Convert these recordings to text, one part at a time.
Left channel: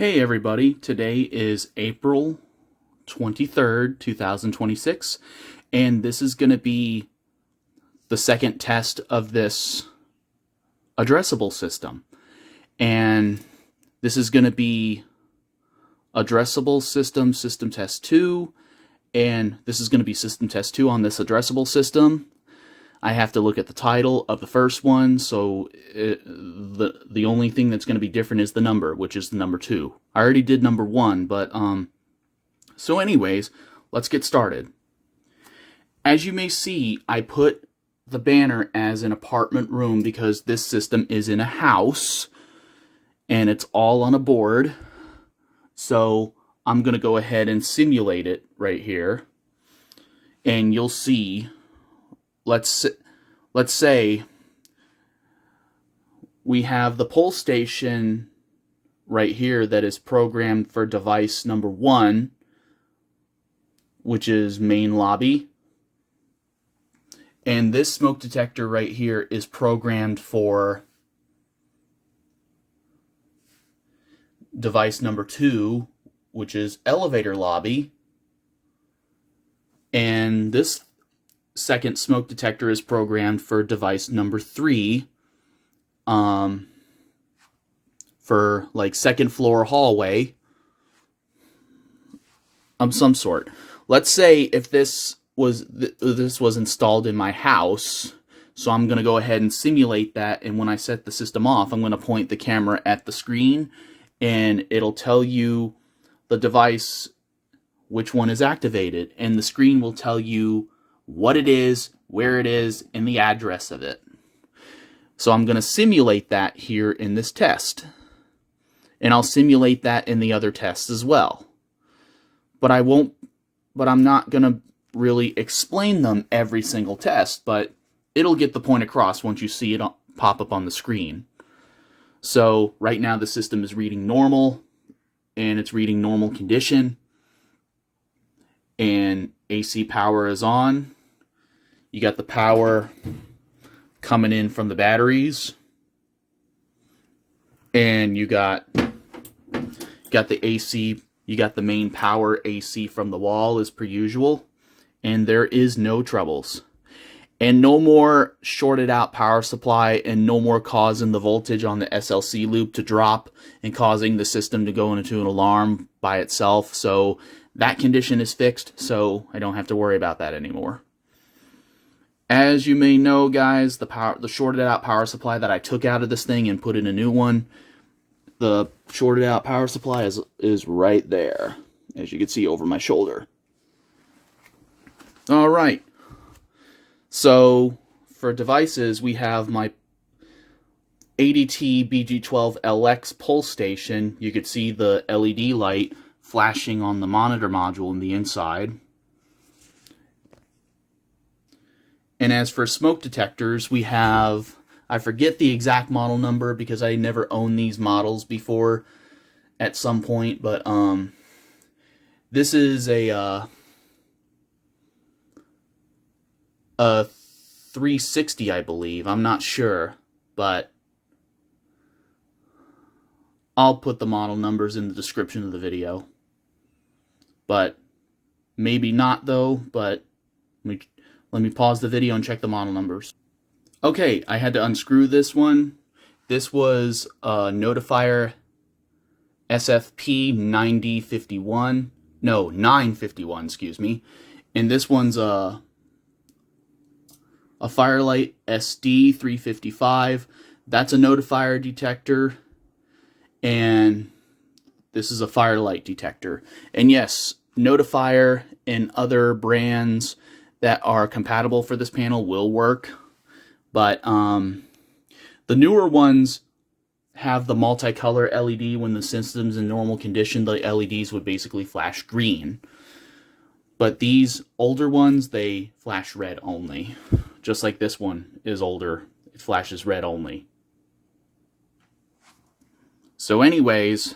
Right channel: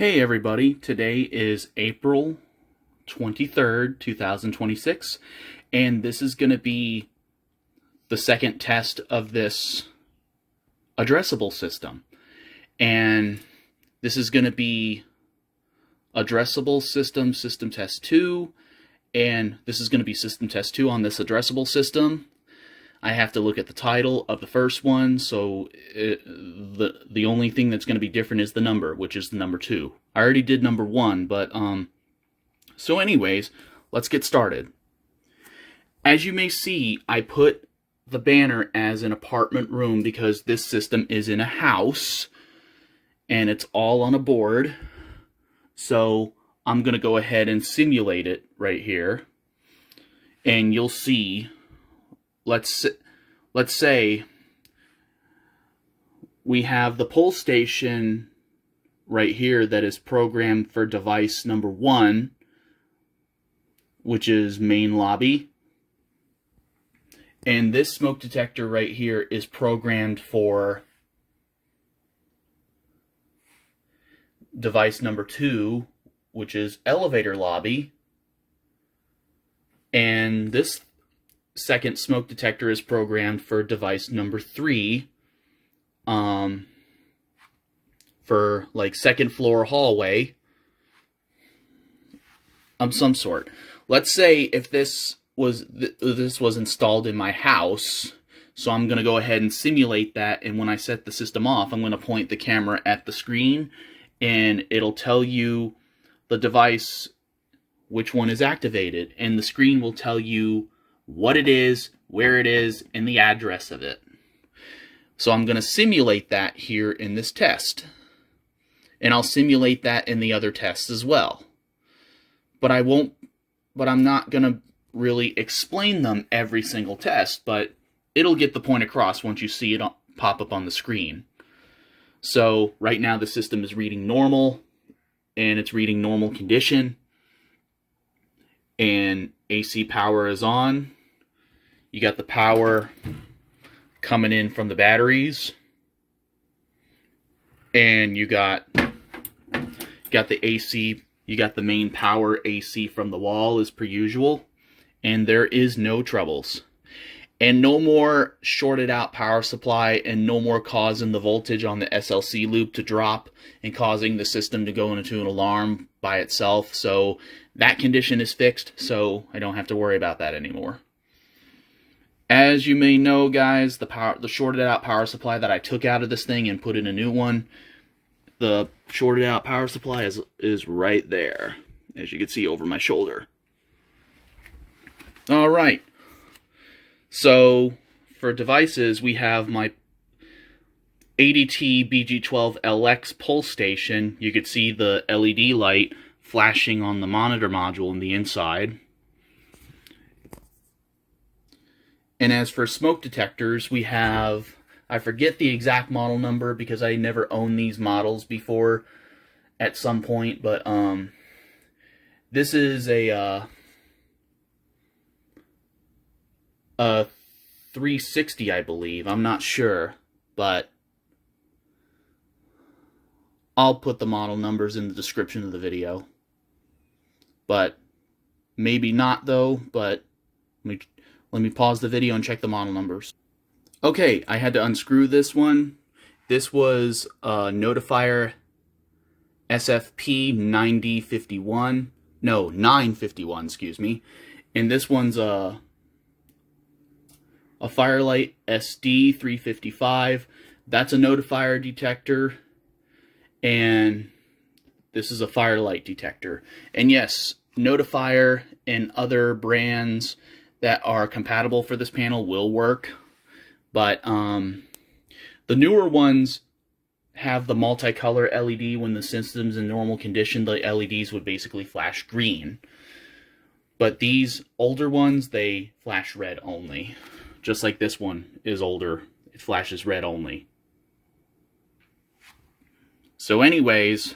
Hey everybody, today is April 23rd, 2026, and this is going to be the second test of this addressable system. And this is going to be addressable system test 2, and this is going to be system test 2 on this addressable system. I have to look at the title of the first one, so the only thing that's going to be different is the number, which is the number 2. I already did number 1, but so anyways, let's get started. As you may see, I put the banner as an apartment room because this system is in a house and it's all on a board. So I'm going to go ahead and simulate it right here, and you'll see. Let's say we have the pull station right here that is programmed for device number 1, which is main lobby. And this smoke detector right here is programmed for device number 2, which is elevator lobby. And this second smoke detector is programmed for device number 3, for like second floor hallway of some sort. Let's say if this was installed in my house, so I'm going to go ahead and simulate that, and when I set the system off, I'm going to point the camera at the screen and it'll tell you the device, which one is activated, and the screen will tell you what it is, where it is, and the address of it. So I'm going to simulate that here in this test. And I'll simulate that in the other tests as well. But I'm not going to really explain them every single test, but it'll get the point across once you see it pop up on the screen. So right now the system is reading normal, and it's reading normal condition, and AC power is on. You got the power coming in from the batteries, and you got the AC, you got the main power AC from the wall as per usual, and there is no troubles. And no more shorted out power supply, and no more causing the voltage on the SLC loop to drop and causing the system to go into an alarm by itself. So that condition is fixed, so I don't have to worry about that anymore. As you may know, guys, the shorted out power supply that I took out of this thing and put in a new one, the shorted out power supply is right there, as you can see over my shoulder. All right. So for devices, we have my ADT BG12LX pull station. You could see the LED light flashing on the monitor module in the inside. And as for smoke detectors, we have, I forget the exact model number because I never owned these models before at some point, but this is a 360, I believe. I'm not sure, but I'll put the model numbers in the description of the video. But maybe not though, but let me pause the video and check the model numbers. Okay, I had to unscrew this one. This was a Notifier SFP 951, excuse me. And this one's a Firelight SD 355. That's a Notifier detector, and this is a Firelight detector. And yes, Notifier and other brands that are compatible for this panel will work, but the newer ones have the multicolor LED. When the system's in normal condition, the LEDs would basically flash green. But these older ones, they flash red only. Just like this one is older, it flashes red only. So anyways,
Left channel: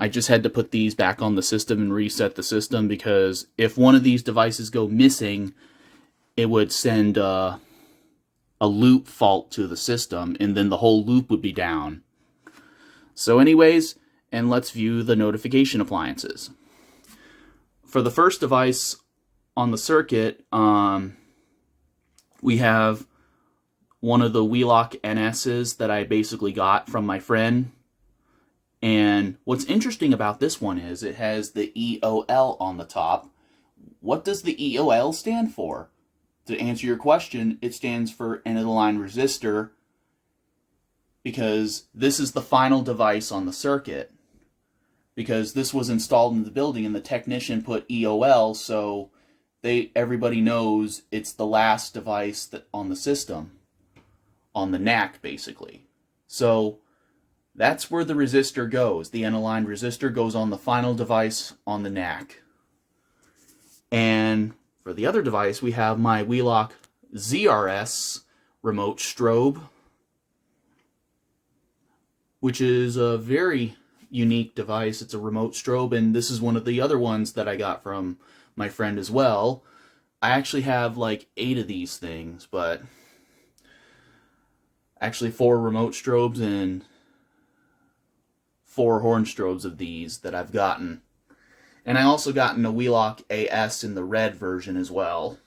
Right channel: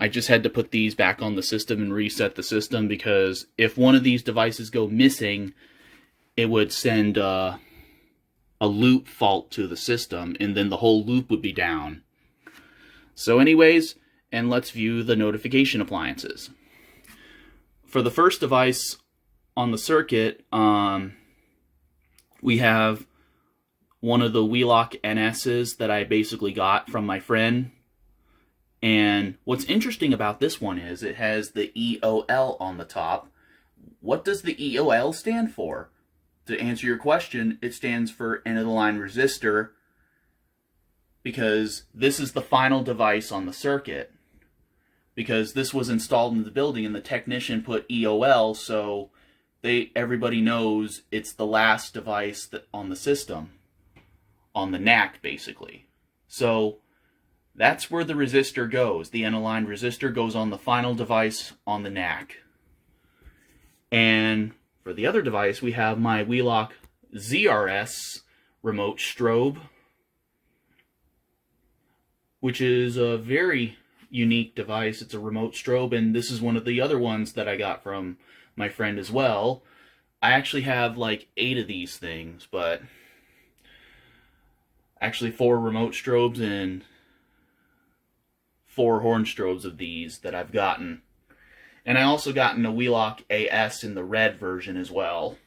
I just had to put these back on the system and reset the system, because if one of these devices go missing, it would send a loop fault to the system, and then the whole loop would be down. So anyways, and let's view the notification appliances. For the first device on the circuit, we have one of the Wheelock NS's that I basically got from my friend. And what's interesting about this one is it has the EOL on the top. What does the EOL stand for? To answer your question, it stands for end-of-the-line resistor, because this is the final device on the circuit. Because this was installed in the building and the technician put EOL, so everybody knows it's the last device on the system, on the NAC basically. So that's where the resistor goes. The end-of-line resistor goes on the final device on the NAC. And for the other device, we have my Wheelock ZRS remote strobe, which is a very unique device. It's a remote strobe, and this is one of the other ones that I got from my friend as well. I actually have like 8 of these things, but actually 4 remote strobes and 4 horn strobes of these that I've gotten. And I also gotten a Wheelock AS in the red version as well.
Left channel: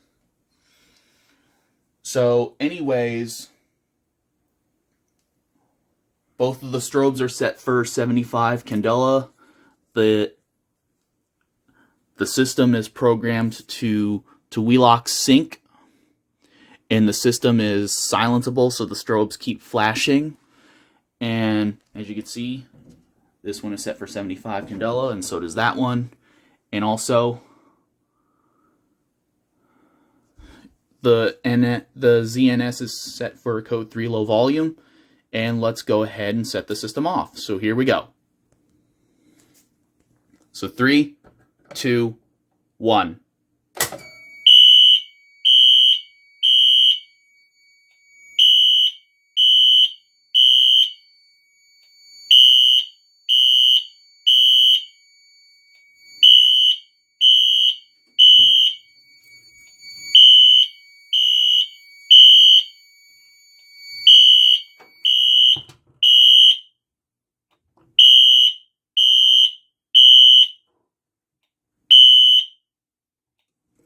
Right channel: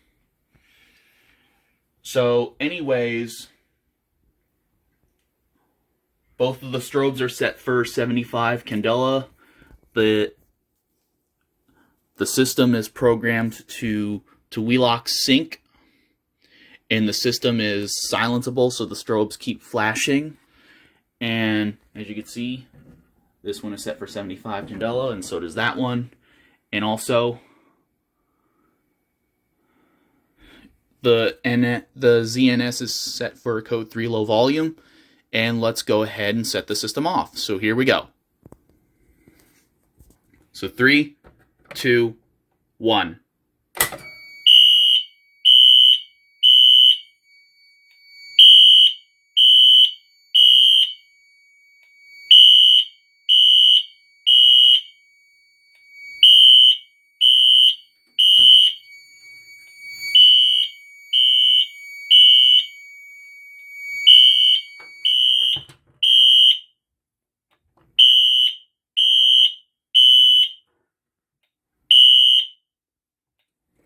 So anyways, both of the strobes are set for 75 candela. The system is programmed to Wheelock sync, and the system is silenceable, so the strobes keep flashing. And as you can see, this one is set for 75 candela, and so does that one. And also, the ZNS is set for code 3 low volume. And let's go ahead and set the system off. So here we go. So 3, 2, 1.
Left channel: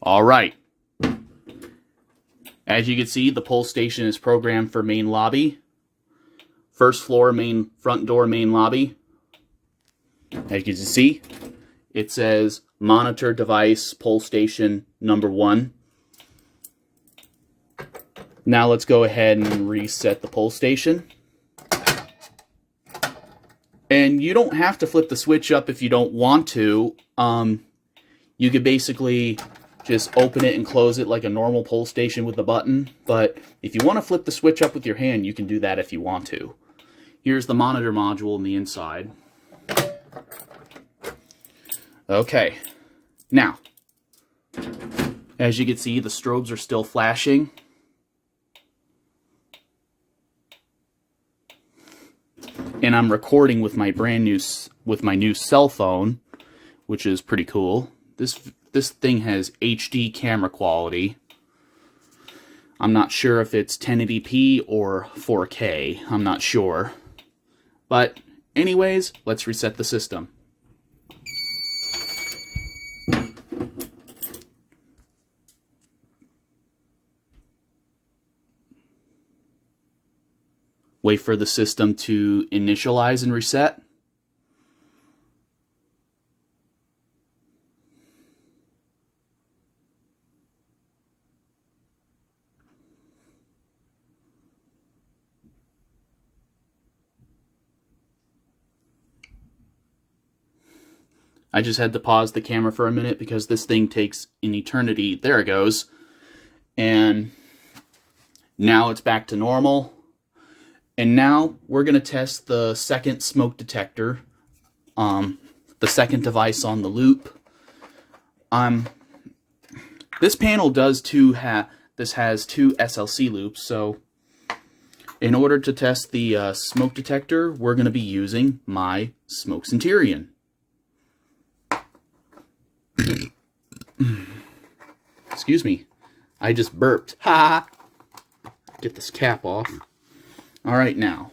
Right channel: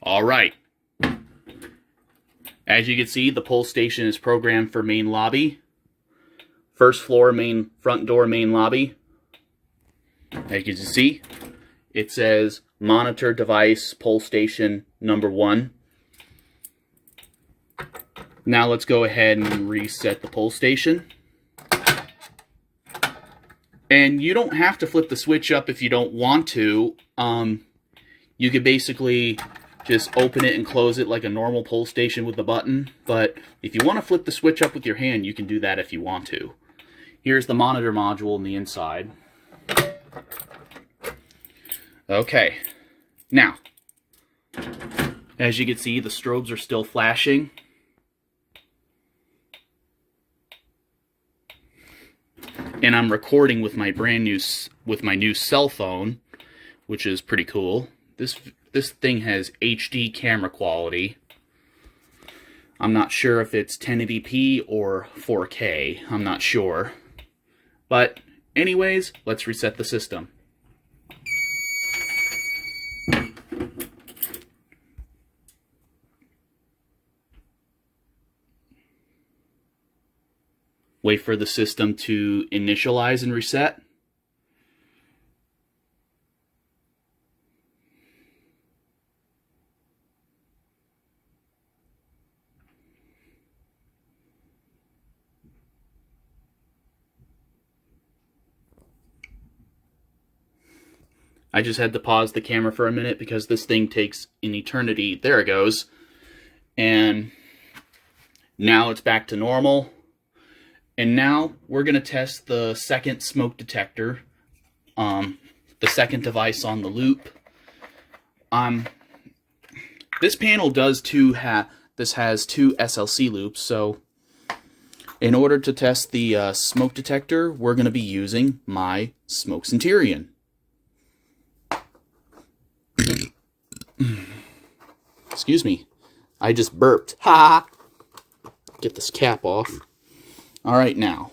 All right. As you can see, the pull station is programmed for main lobby. First floor, main front door, main lobby. As you can see, it says monitor device pull station number 1. Now let's go ahead and reset the pull station. And you don't have to flip the switch up if you don't want to. You could basically just open it and close it like a normal pull station with a button. But if you want to flip the switch up with your hand, you can do that if you want to. Here's the monitor module on the inside. Okay. Now, as you can see, the strobes are still flashing. And I'm recording with my new cell phone, which is pretty cool. This thing has HD camera quality. I'm not sure if it's 1080p or 4K. I'm not sure. But anyways, let's reset the system. Wait for the system to initialize and reset. I just had to pause the camera for a minute because this thing takes an eternity. There it goes. And now it's back to normal. And now we're going to test the second smoke detector, the second device on the loop. This panel has two SLC loops, so in order to test the smoke detector, we're going to be using my Smoke Centurion. Excuse me, I just burped. Ha! Get this cap off. All right, now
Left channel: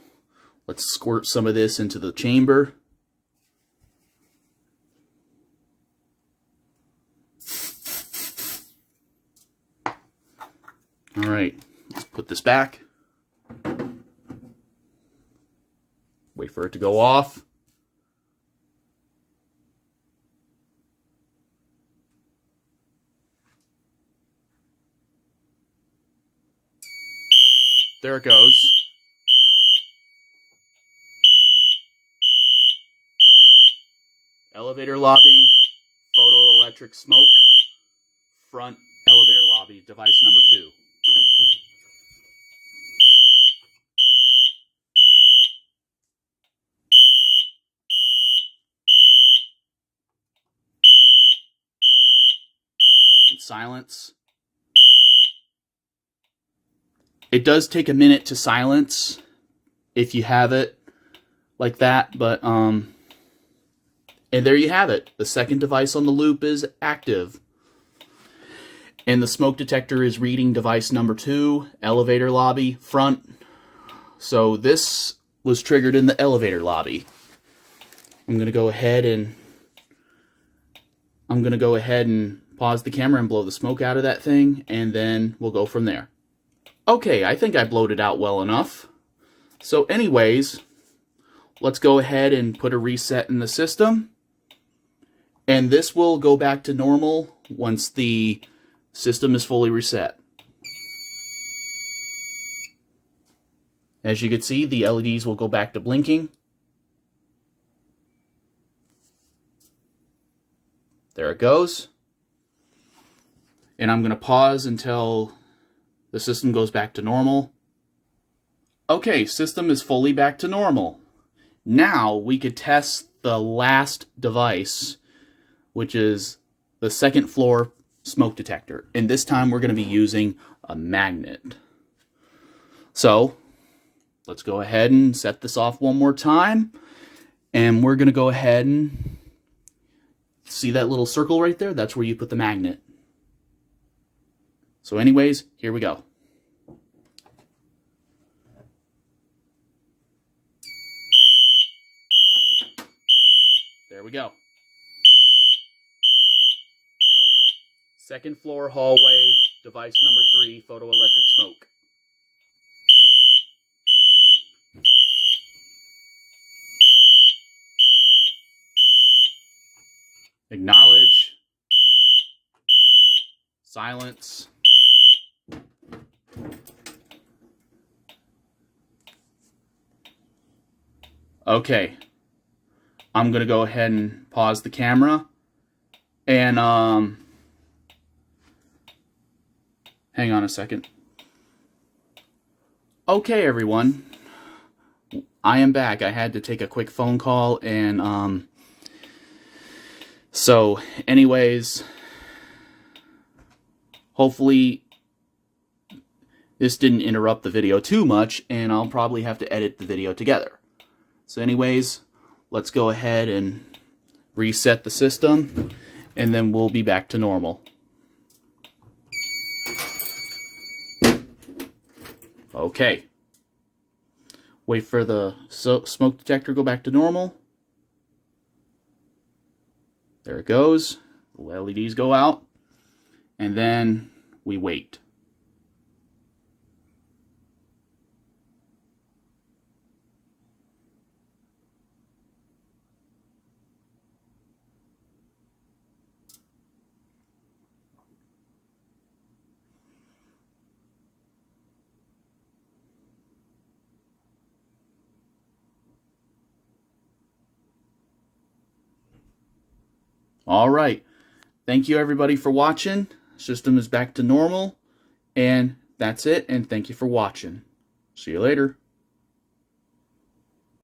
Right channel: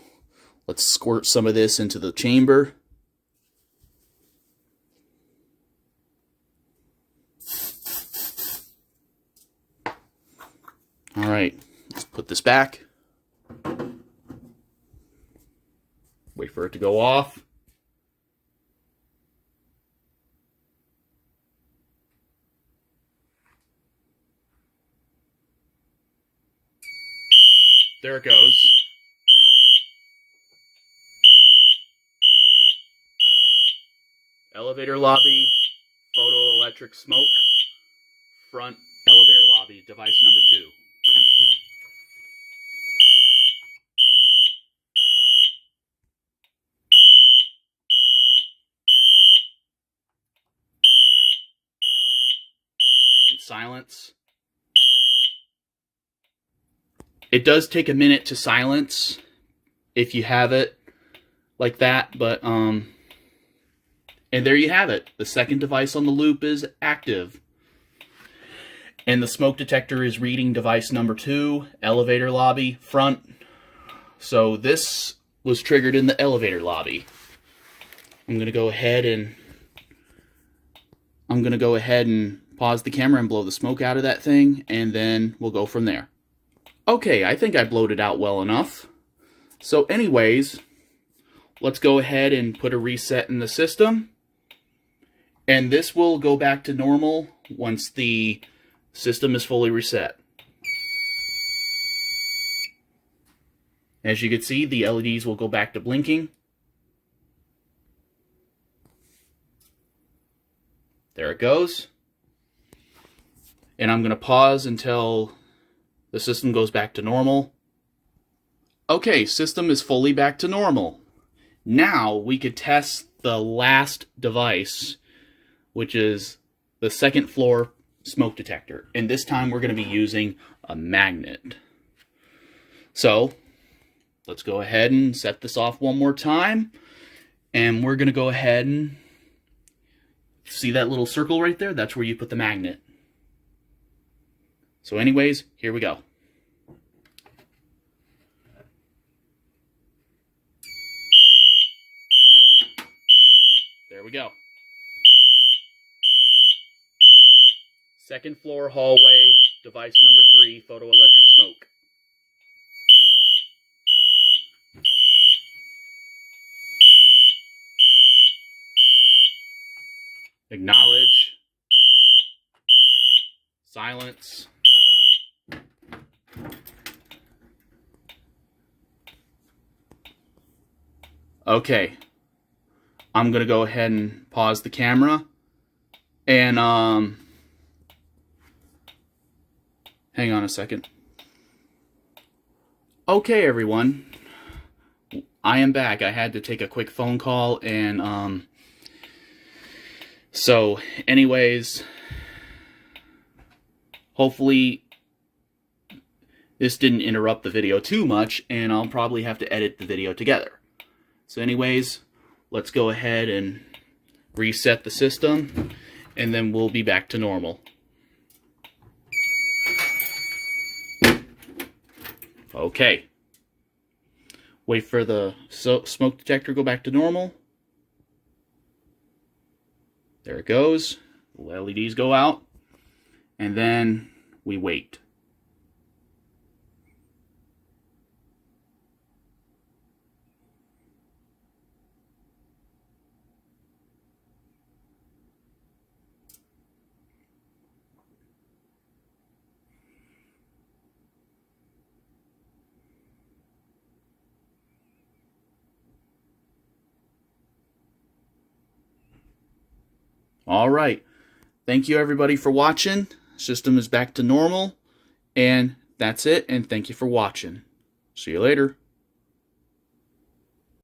let's squirt some of this into the chamber. All right, let's put this back. Wait for it to go off. There it goes. Elevator lobby, photoelectric smoke, front elevator lobby, device number 2. And silence. It does take a minute to silence if you have it like that, but and there you have it. The second device on the loop is active. And the smoke detector is reading device number 2, elevator lobby, front. So this was triggered in the elevator lobby. I'm going to go ahead and pause the camera and blow the smoke out of that thing, and then we'll go from there. Okay, I think I blowed it out well enough. So anyways, let's go ahead and put a reset in the system. And this will go back to normal once the system is fully reset. As you can see, the LEDs will go back to blinking. There it goes. And I'm going to pause until the system goes back to normal. Okay, system is fully back to normal. Now we could test the last device, which is the second floor smoke detector. And this time we're going to be using a magnet. So let's go ahead and set this off one more time. And we're going to go ahead and see that little circle right there? That's where you put the magnet. So anyways, here we go. There we go. Second floor hallway, device number 3, photoelectric smoke. Acknowledge. Silence. Okay. I'm going to go ahead and pause the camera. And, hang on a second. Okay, everyone. I am back. I had to take a quick phone call, and, so, anyways, hopefully this didn't interrupt the video too much, and I'll probably have to edit the video together. So anyways, let's go ahead and reset the system, and then we'll be back to normal. Okay. Wait for the smoke detector to go back to normal. There it goes. The LEDs go out. And then we wait. All right. Thank you everybody for watching. System is back to normal. And that's it. And thank you for watching. See you later.